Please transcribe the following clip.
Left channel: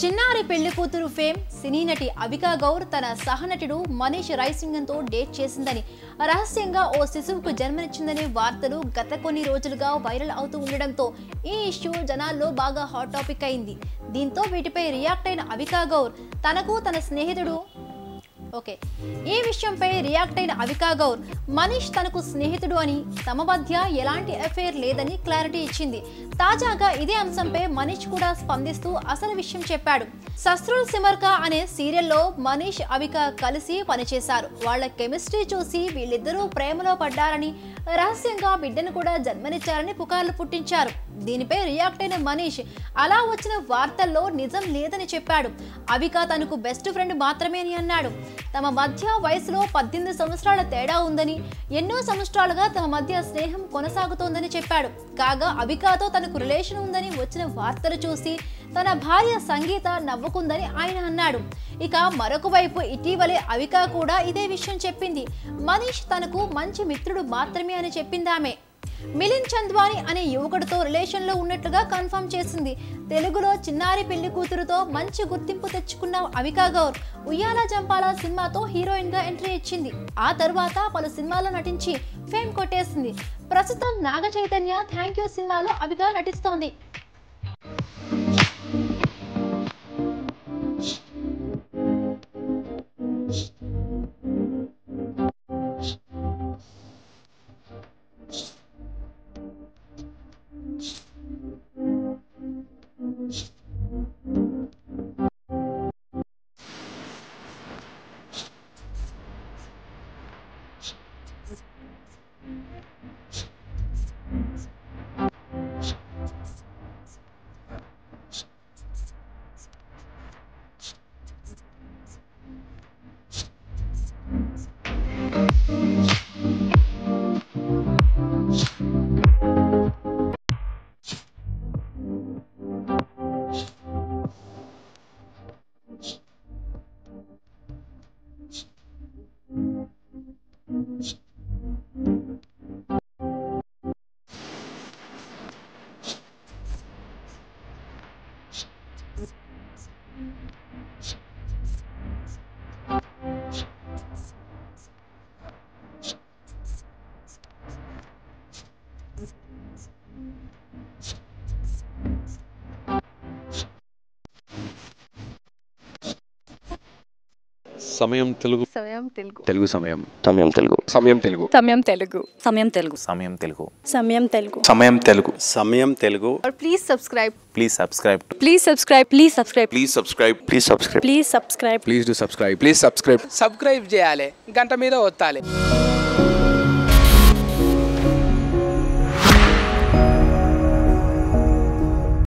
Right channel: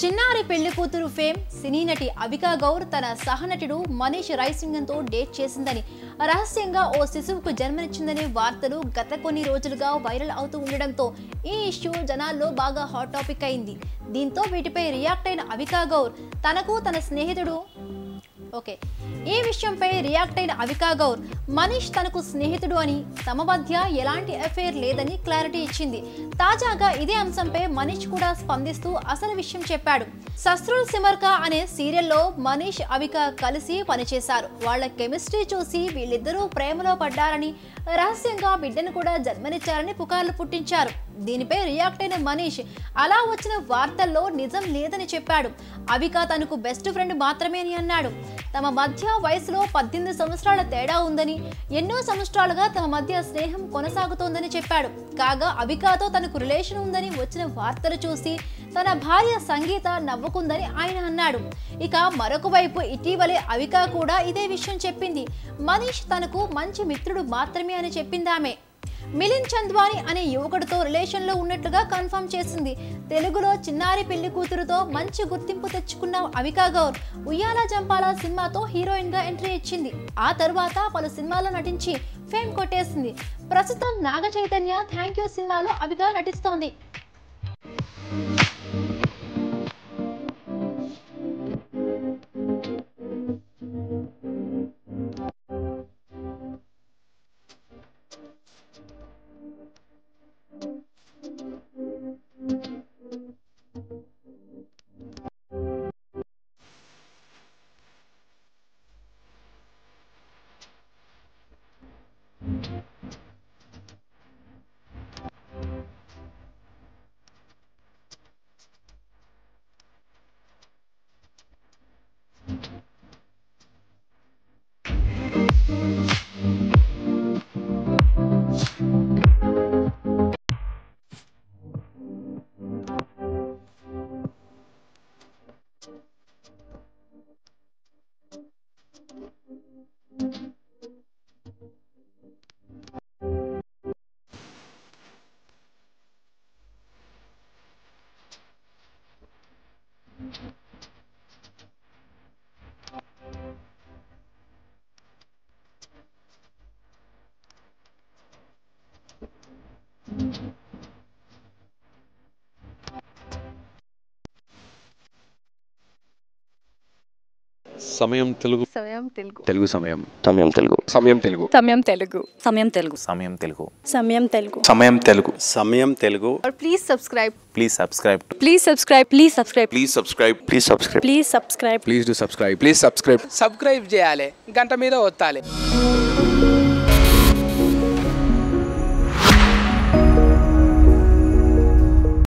చిన్నారి పెళ్లి కూతురు ఫేమ్ సినీ నటి అవికా గౌర్ తన సహనటుడు మనీష్ రైసింగన్తో డేట్ చేసిందని రహస్యంగా ఓ శిశువుకు జన్మనిచ్చిందనే వార్తలు గత కొన్ని రోజులుగా వైరల్ అవుతూ ఉండడంతో ఈ ఇష్యూ జనాల్లో బాగా హాట్ టాపిక్ అయింది. దీంతో వీటిపై రియాక్ట్ అయిన అవికా గౌర్ తనకు తన స్నేహితుడు ఈ విషయంపై రియాక్ట్ అయిన అవికా గౌర్ మనీష్ తనకు స్నేహితుడు అని తమ మధ్య ఎలాంటి అఫైర్ లేదని క్లారిటీ ఇచ్చింది. తాజాగా ఇదే అంశంపై మనీష్ కూడా స్పందిస్తూ అసలు విషయం చెప్పాడు. సస్రుల్ సిమర్కా అనే సీరియల్లో మనీష్ అవికా కలిసి పనిచేశారు. వాళ్ళ కెమిస్ట్రీ చూసి వీళ్ళిద్దరూ ప్రేమలో పడ్డారని రహస్యంగా బిడ్డను కూడా జన్మనిచ్చారని పుకార్లు పుట్టించారు. దీనిపై రియాక్ట్ అయిన మనీష్ అలా వచ్చిన వార్తల్లో నిజం లేదని చెప్పాడు. అవికా తనకు బెస్ట్ ఫ్రెండ్ మాత్రమే అని అన్నాడు. తమ మధ్య వయసులో 18 సంవత్సరాల తేడా ఉందని, ఎన్నో సంవత్సరాలుగా తమ మధ్య స్నేహం కొనసాగుతోందని చెప్పాడు. కాగా అవికాతో తనకు రిలేషన్ ఉందని వచ్చిన వార్తలు చూసి తన భార్య సంగీత నవ్వుకుందని ఆయన అన్నాడు. ఇక మరొక వైపు ఇటీవలే అవికా కూడా ఇదే విషయం చెప్పింది. మనీష్ తనకు మంచి మిత్రుడు మాత్రమే అని చెప్పిందామె. మిలింద్ చంద్వాని అనే యువకుడితో రిలేషన్లో ఉన్నట్లుగా కన్ఫర్మ్ చేసింది. తెలుగులో చిన్నారి పెళ్లి కూతురుతో మంచి గుర్తింపు తెచ్చుకున్న అవికా గౌర్ ఉయ్యాల జంపాల సినిమాతో హీరోయిన్ గా ఎంట్రీ ఇచ్చింది. ఆ తర్వాత పలు సినిమాల్లో నటించి ఫేమ్ కొట్టేసింది. ప్రస్తుతం నాగ చైతన్య థ్యాంక్ యూ సినిమాలో అవికా నటిస్తోంది. సమయం తెలుగు సమయం తెలుగు తెలుగు సమయం సమయం తెలుగు సమయం తెలుగు సమయం తెలుగు సమయం తెలుగు సమయం తెలుగు సమయం తెలుగు సమయం తెలుగు సమయం తెలుగు और please subscribe please subscribe please subscribe please subscribe please subscribe please subscribe please subscribe please do subscribe subscribe చేయాలి, గంట మీద ఒత్తాలి.